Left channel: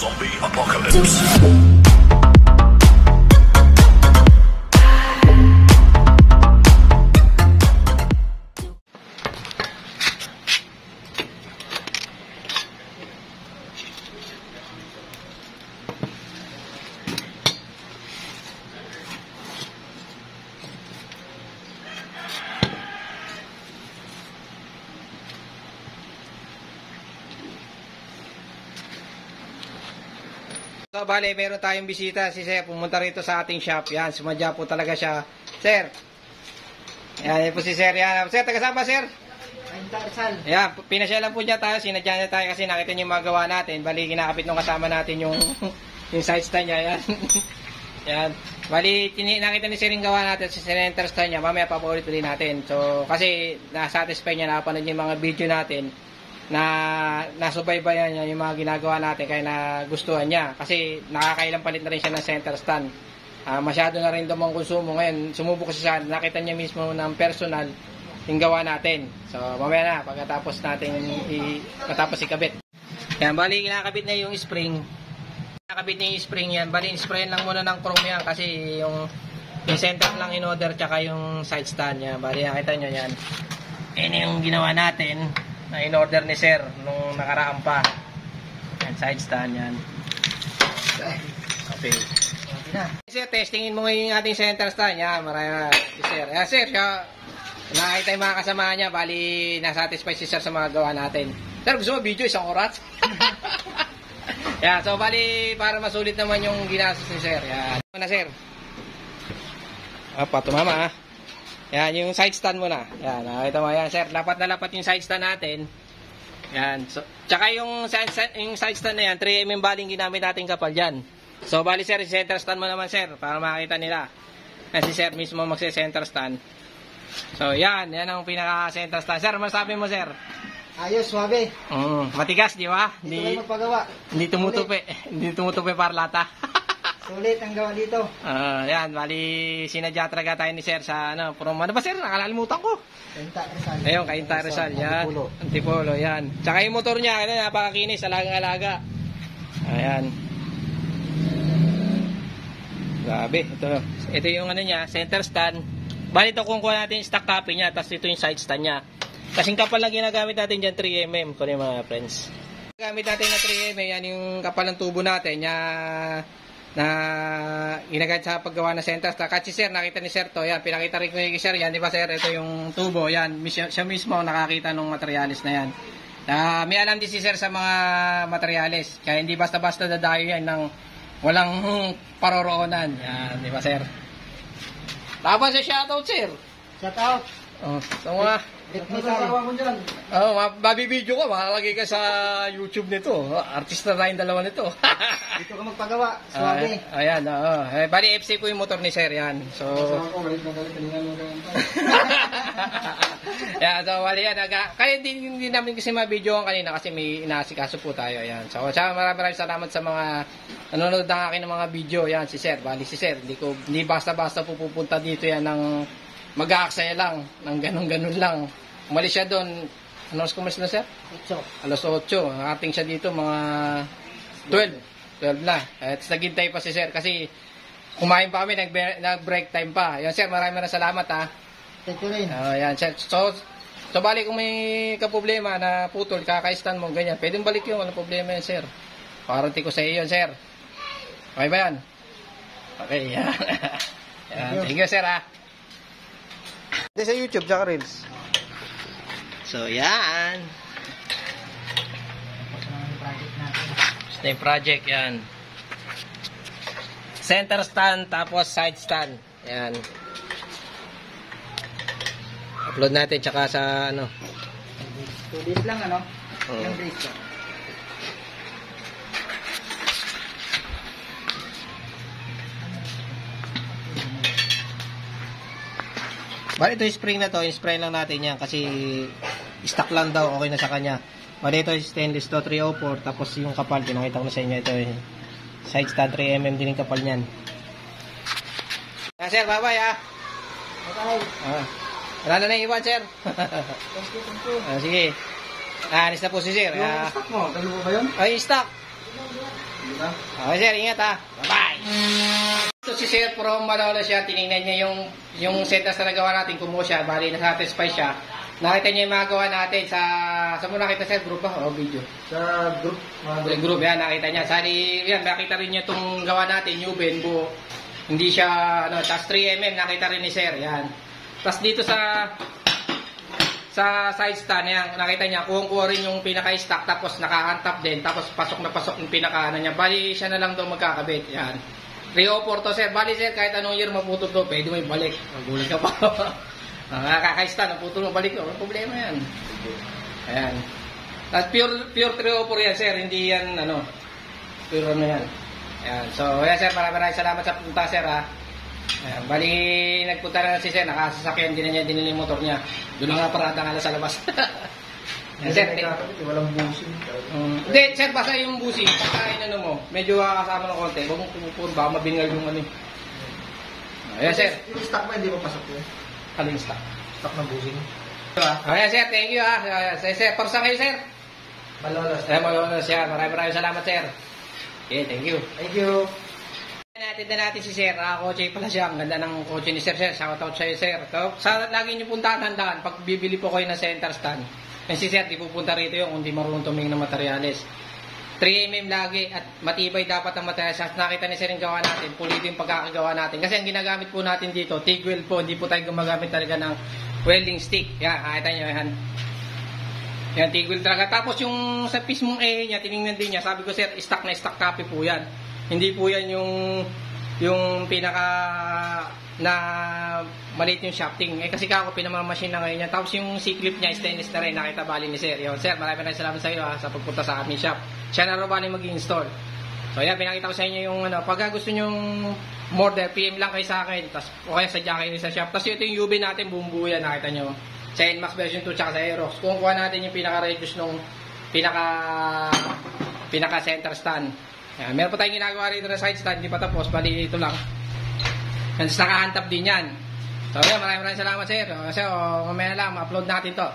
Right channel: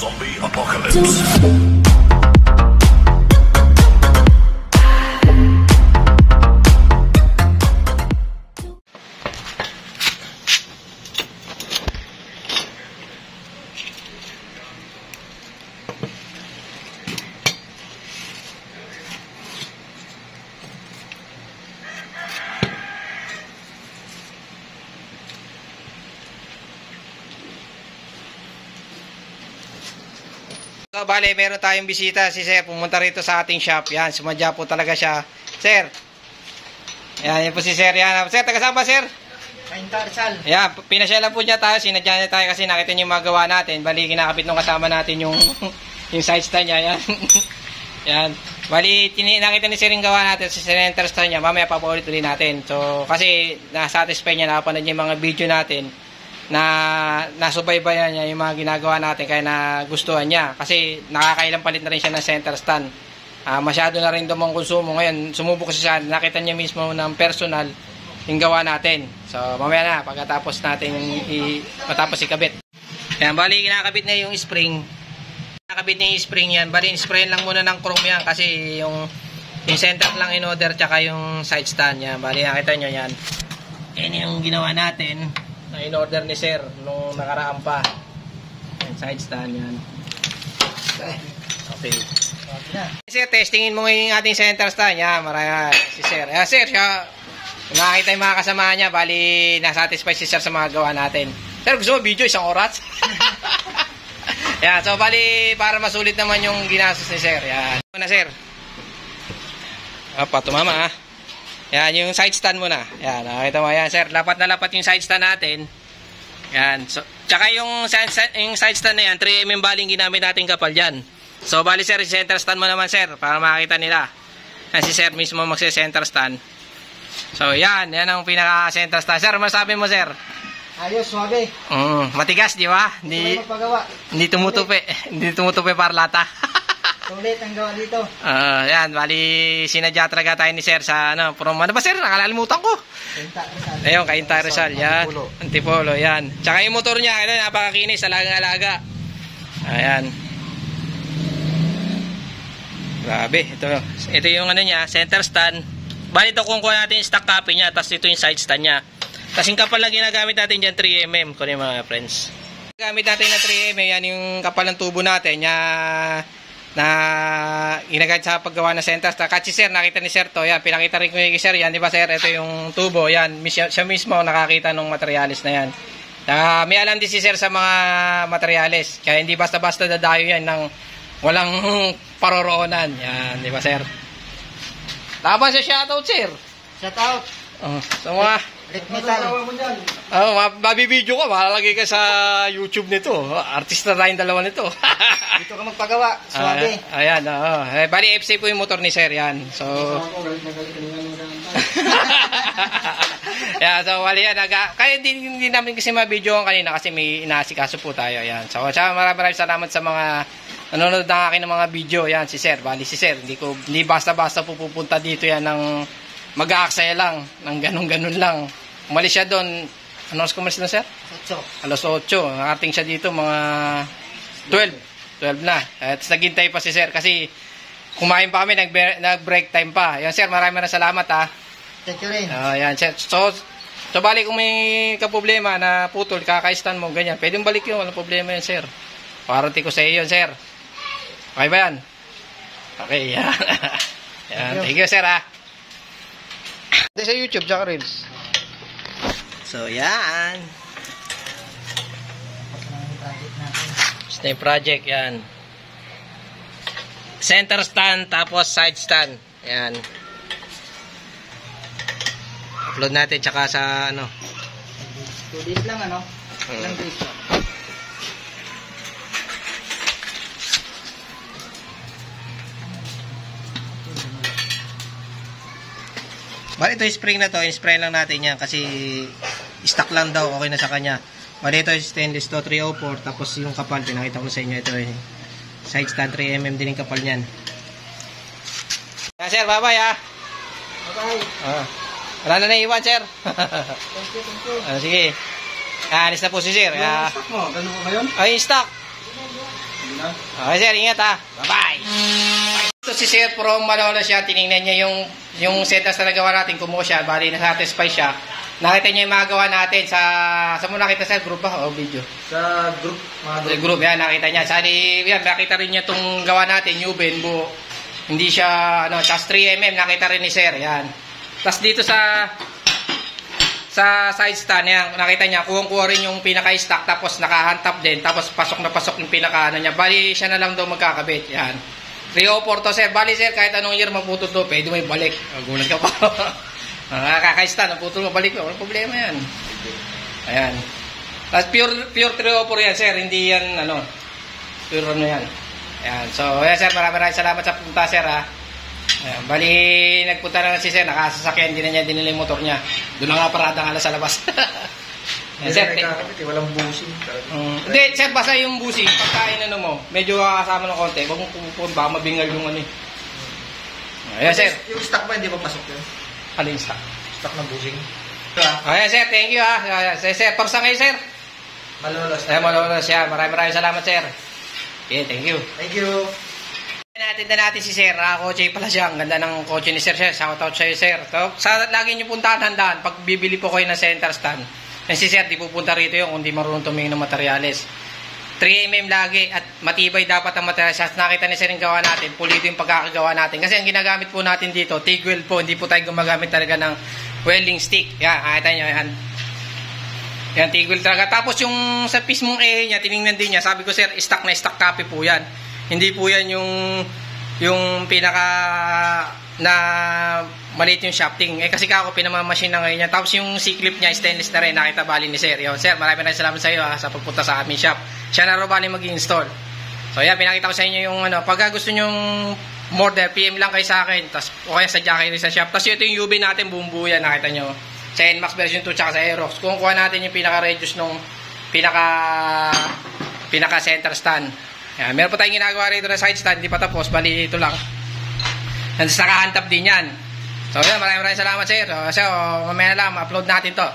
Zombie Apocalypse. So, bale, meron tayong bisita si Sir. Pumunta rito sa ating shop. Yan, sumadya po talaga siya. Sir. Yan po si Sir. Yan. Sir, taga saan ba, Sir? Kainta Rizal. Yan, pinasyalan po niya tayo. Sinadya niya tayo kasi nakita niyo yung magawa natin. Bali, kinakapit nung kasama natin yung side stand niya. Yan. Yan. Bali, nakita ni Sir yung gawa natin sa center stand niya. Mamaya papaulit ulit natin. So, kasi nasatisfy niya, nakapanood niya yung mga video natin na nasubaybayan niya yung mga ginagawa natin kaya nagustuhan niya kasi nakakailang palit na rin siya ng center stand. Masyado na rin daw ang konsumo ngayon. Sumubok siya, nakita niya mismo ng personal yung gawa natin. So mamaya na pagkatapos natin matapos ikabit. Yan, bali kinakabit na yung spring. Kinakabit na yung spring yan. Bali sprayan lang muna ng chrome yan kasi yung center lang in order tsaka yung side stand yan. Bali nakita nyo yan. Yan yung ginawa natin na in-order ni Sir nung nakaraan pa. Yan, side stand yan. Okay. Sir, testingin mo ngayon yung ating center stand. Yan, marami si Sir. Sir, siya, nakakita yung mga kasama niya, bali, nasatisfy si Sir sa mga gawa natin. Sir, gusto mo video, 1 oras? Yan, so bali, para masulit naman yung ginastos ni Sir. Yan. Ano na, Sir? Tumama, Yan, yung side stand muna. Yan, nakita mo yan, Sir. Lapat na lapat yung side stand natin. Yan. So, tsaka yung side stand na yan, 3mm baling ginamit natin kapal dyan. So, bali, Sir, center stand mo naman, Sir, para makita nila. Yan, si Sir mismo magse-center stand. So, yan. Yan ang pinaka-center stand. Sir, masabi mo, Sir? Ayos, suwabe. Matigas, di ba? Hindi tumutupi. Hindi tumutupi para lata. Sulit ang gawa dito. Yan, bali sinadya talaga tayo ni Sir sa ano ba, Sir? Nakalimutan ko. Kainta Rizal. Ayun, Kainta Rizal. Yan. Antipolo, yan. Tsaka yung motor niya, napakakinis, alagang-alaga. Ayan. Grabe, ito yung ano niya, center stand. Bali ito kung kuha natin yung stock copy niya, tapos ito yung side stand niya. Kasing kapal lang ginagamit natin dyan, 3mm, kung yung mga friends. Gamit natin na 3mm, yan yung kapal ng tubo natin, na ginagamit sa paggawa ng center stand. Kasi Sir, nakita ni Sir to, yan, pinakita rin ko yung Sir, yan, di ba Sir, ito yung tubo, yan, siya mismo nakakita ng materialis na yan. May alam din si Sir sa mga materialis, kaya hindi basta-basta dadayo yan ng walang paroroonan, yan, di ba Sir? Tama siya, shoutout Sir. Shoutout. So mga Red Metal. mabibideo ko, malalagay ka sa YouTube nito. Artista tayong dalawa nito. Dito ka magpagawa, suwabe. Ayan, bali FC po yung motor ni Sir, yan. So yeah, so wali yan. Kaya hindi namin kasi mabidyoan kanina kasi may inaasikaso po tayo. Yan. So maraming salamat sa mga nanonood ng akin ng mga video. Yan, si Sir. Bali si Sir. Hindi basta-basta pupunta dito yan ng mag-aaksaya lang. Ng ganun-ganun lang. Umalis siya doon. Ano oras kumalis na, Sir? 8. Alas 8. Nakating siya dito mga 12 na. At naghintay pa si Sir kasi kumain pa kami, nag-break time pa. Yan, Sir, maraming salamat ha. Thank you rin. Yan, Sir. So balik kung may kaproblema na putol, kakaistan mo, ganyan. Pwedeng balik yun, walang problema yun, Sir. Warranty ko sa iyo yun, Sir. Okay ba yan? Okay, yan. Yan. Thank you, Sir ha. Ito sa YouTube, tsaka Reels. So, yan. Ito yung project, yan. Center stand, tapos side stand. Yan. Upload natin, tsaka sa, 2 days lang, ano? Ilang days lang. Bali ito yung spring na to, in-spray lang natin yan kasi stock lang daw, okay na sa kanya. Bali ito yung stainless to, 304, tapos yung kapal, pinakita ko na sa inyo, ito yung side stand, 3mm din yung kapal nyan. Sir, bye-bye ha. Bye-bye. Wala na naiwan, Sir. Thank you. Sige. Alis na po si Sir. Yung stock mo, ganun ba yun? Ay, stock. Okay sir, ingat ha. Bye-bye. Ito si Sir from Malolos siya, tinignan niya yung setas na nagawa natin, kumuha siya, bali na-satisfy siya. Nakita niya yung mga gawa natin sa mo nakita sa group ba o video? Sa group, Sa group yan, nakita niya. Sali, yan, nakita rin niya itong gawa natin, Nuben, buo. Hindi siya, ano, tas 3mm, nakita rin ni Sir, yan. Tas dito sa side stand, yan, nakita niya, kuha rin yung pinaka-stack, tapos nakahantap din, tapos pasok na pasok yung pinaka, ano niya. Bali, siya na lang daw magkakabit, yan. 304 to sir. Bali sir, kahit anong year maputol to, pwede mo ibalik. Gulat ka pa. Nakakaista, naputol mo, balik mo. Walang problema yan. Ayan. At pure 304 yan sir, hindi yan ano. Pure ano yan. Ayan. So, ayan sir, maraming salamat sa punta sir ha. Ayan. Bali, nagpunta na si sir, nakasasakyan, din na niya dinili yung motor niya. Doon lang nga parada nga sa labas. Hindi na nakakabit, walang busing. Hindi, sir, basta yung busing, pagkain ano mo, medyo kasama ng konti, huwag mong pupupun, baka mabingal yung ano eh. Ayan, sir. Yung stock ba, hindi pa pasok yun? Aling stock? Stock ng busing. Ayan, sir, thank you ha. Sir, parsa kayo, sir. Malolos. Ayan, Malolos siya. Maraming salamat, sir. Okay, thank you. Thank you. Natin si sir, kotse pala siya. Ang ganda ng kotse ni sir, sir. Shoutout sa'yo, sir. So, lagi niyo puntahan, handaan, pag bibili po kayo ng center stand. Si sir, di pupunta rito yung kung di marunong tumingin ng materyales. 3mm lagi at matibay dapat ang materyales. Nakita ni sir yung gawa natin, pulido yung pagkakagawa natin. Kasi ang ginagamit po natin dito, TIG weld po, hindi po tayo gumagamit talaga ng welding stick. Yan, nakita nyo yan. Yan, TIG weld talaga. Tapos yung sa pismong niya, tinignan din niya. Sabi ko sir, stock na stock copy po yan. Hindi po yan yung pinaka na maliit yung shafting. Kasi ako pinamamachine na ngayon niya. Tapos yung C-clip niya stainless na rin. Nakita bali ni sir. Yo, sir, maraming salamat sa iyo sa pagpunta sa aming shop. Siya na rin bali mag-install. So yan, pinakita ko sa inyo yung ano. Pagka gusto nyo order, PM lang kayo sa akin. Tapos o kaya sadya kayo sa shop. Tapos ito yung UV natin, buong buo yan. Nakita nyo. Sa NMAX version 2 tsaka sa Aerox. Kung kuha natin yung pinaka-reduce nung pinaka center stand. Yan, meron pa tayong ginagawa rito na side stand. Hindi pa tapos. Bali ito lang. Nandito nakahantap din yan. So, yeah, maraming salamat sir. So, mamaya na lang, ma-upload natin to.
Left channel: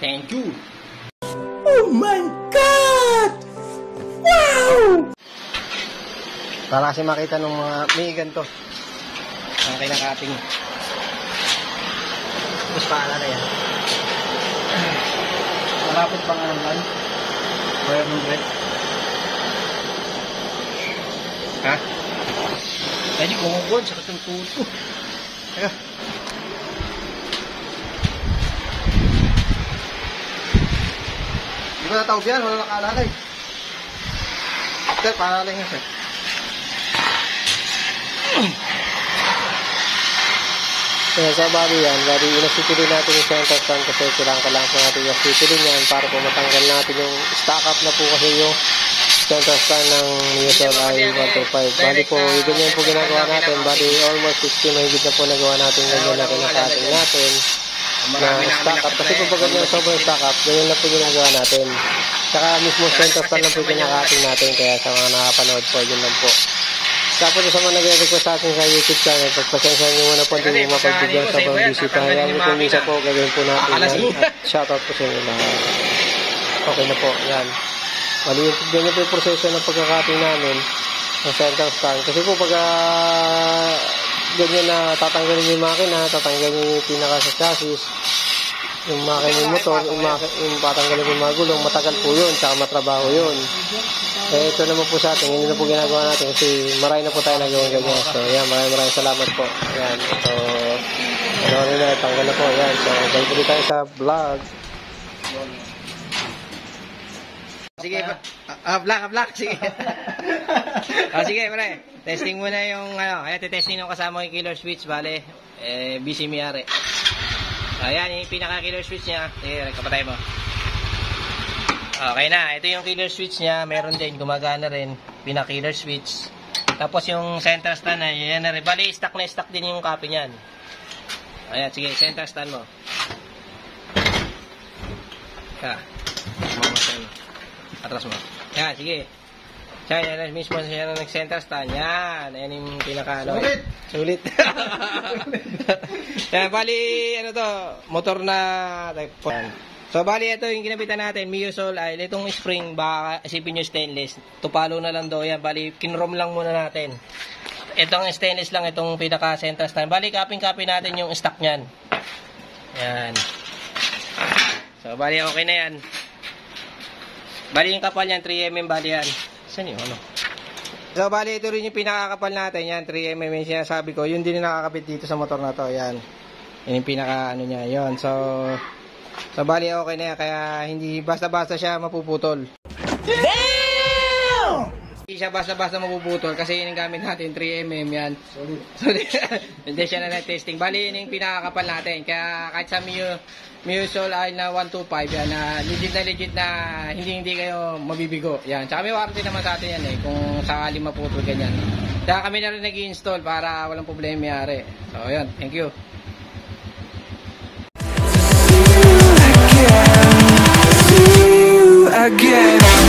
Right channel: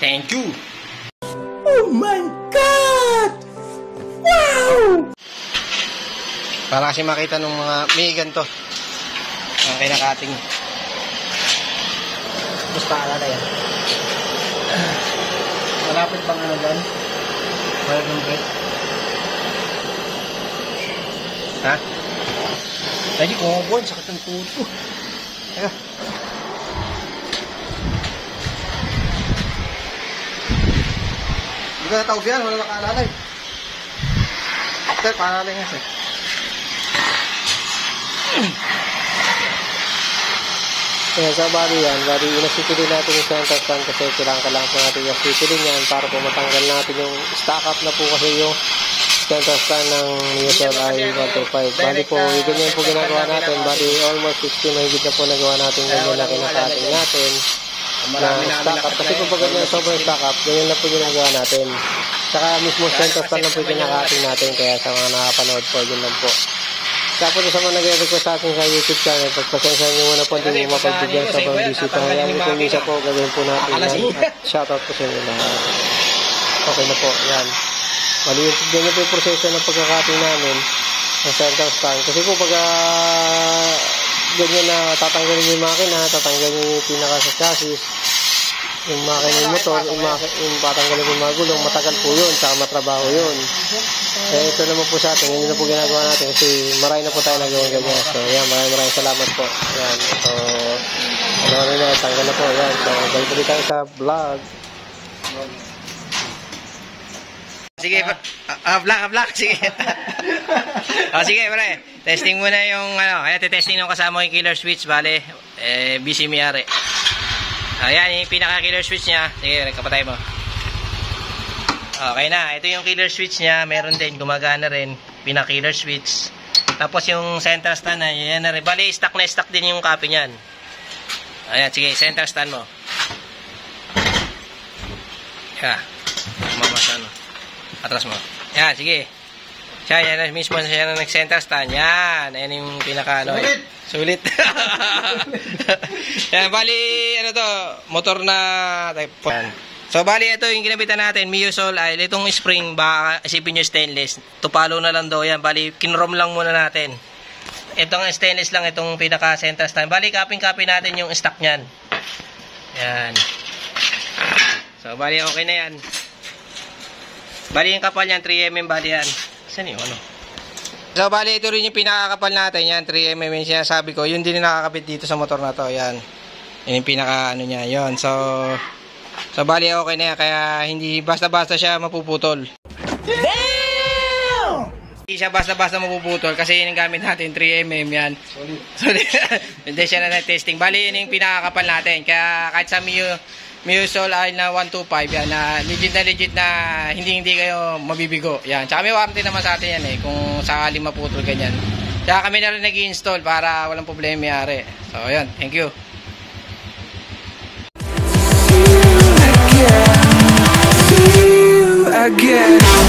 Thank you. Oh my God! Wow! Para kasi makita ng mga may ganito. Ang kinakating. Tapos paalala yan. Malapit bang ano dyan? Wire ng bread? Ha? Tadi gonggon sakit ng tuto. Teka. Hindi ko natawag yan. Wala nakalalay. Sir, paalalay nga sir. Kaya sa bali yan, bali inasitilin natin yung center stand kasi kailangan po natin yung asitilin yan para po matanggal natin yung stack up na po kasi yung center stand ng Newton i125. Bali po, ganyan po ginagawa natin. Bali, almost 60 mahigit na po nagawa natin ganyan na kinakating natin na stack up. Kasi po pag ganyan sobrang stack up, ganyan na po ginagawa natin. Saka mismo center stand lang po kinakating natin. Kaya sa mga nakapanood po, yun lang po. Tapos sa mga nagre-request sa atin sa YouTube channel, pagpasensya nyo muna po, hindi mo mapagbigyan sa pang busy pa. Hayaan nyo po misa po, gagawin po natin yan. At shoutout po sa inyo lahat. Okay na po, yan. Mali yung ganyan po yung proseso ng pagkakating namin ng center stand. Kasi po pag ganyan na tatanggalin yung makina, tatanggalin yung pinaka sa chassis, yung makina yung motor, yung patanggalin yung mga gulong, matagal po yun, tsaka matrabaho yun. Eh, ito naman po sa atin, hindi na po ginagawa natin kasi marami na po tayo nagawang ganyan. So, yan, maraming salamat po. Yan, so, ano na, tanggal na po. Yan, so, balik ulit tayo sa vlog. Sige, vlog, sige. Sige, pre. Testing muna yung, kaya testing ng kasama yung killer switch, bale, busy miyari. Ayan, yung pinaka-killer switch niya. Sige, kapatay mo. Okay na, ito yung killer switch niya. Meron din, gumagana rin. Pinaka-killer switch. Tapos yung center stand na, yan na rin. Bali, stock na stock din yung copy niyan. Ayan, sige, center stand mo. Yeah. Mamasa, no? Atras mo. Yan, sige. Siya, yan mismo siya na nag-center stand. Yan. Ayan yung pinaka, ano. Sulit. Yan, bali, ano to, motor na, yan. So, bali, ito yung ginabitan natin, Miusol ay itong spring, baka isipin nyo stainless. Tupalo na lang daw yan. Bali, kinrom lang muna natin. Itong stainless lang, itong pinaka-central stand. Bali, copy natin yung stock nyan. Yan. So, bali, okay na yan. Bali, yung kapal yan, 3mm, bali yan. Saan yung ano? So, bali, ito rin yung pinakakapal natin, yan, 3mm yung sinasabi ko. Yun din yung nakakabit dito sa motor na to, yan. Yun yung pinaka, ano niya, yun. So, bali, okay na yan, kaya hindi basta-basta siya mapuputol. Damn! Hindi siya basta-basta mapuputol kasi yun yung gamit natin, 3mm yan. Solid. Hindi siya na testing. Bali, yun yung pinakakapal natin. Kaya kahit sa Miusol ay na 125, yan, na legit na hindi kayo mabibigo. Yan. Tsaka may warranty naman sa atin yan eh, kung sakali maputol ganyan. Tsaka kami na rin nag-i-install para walang problema mayari. So, yan. Thank you. Again.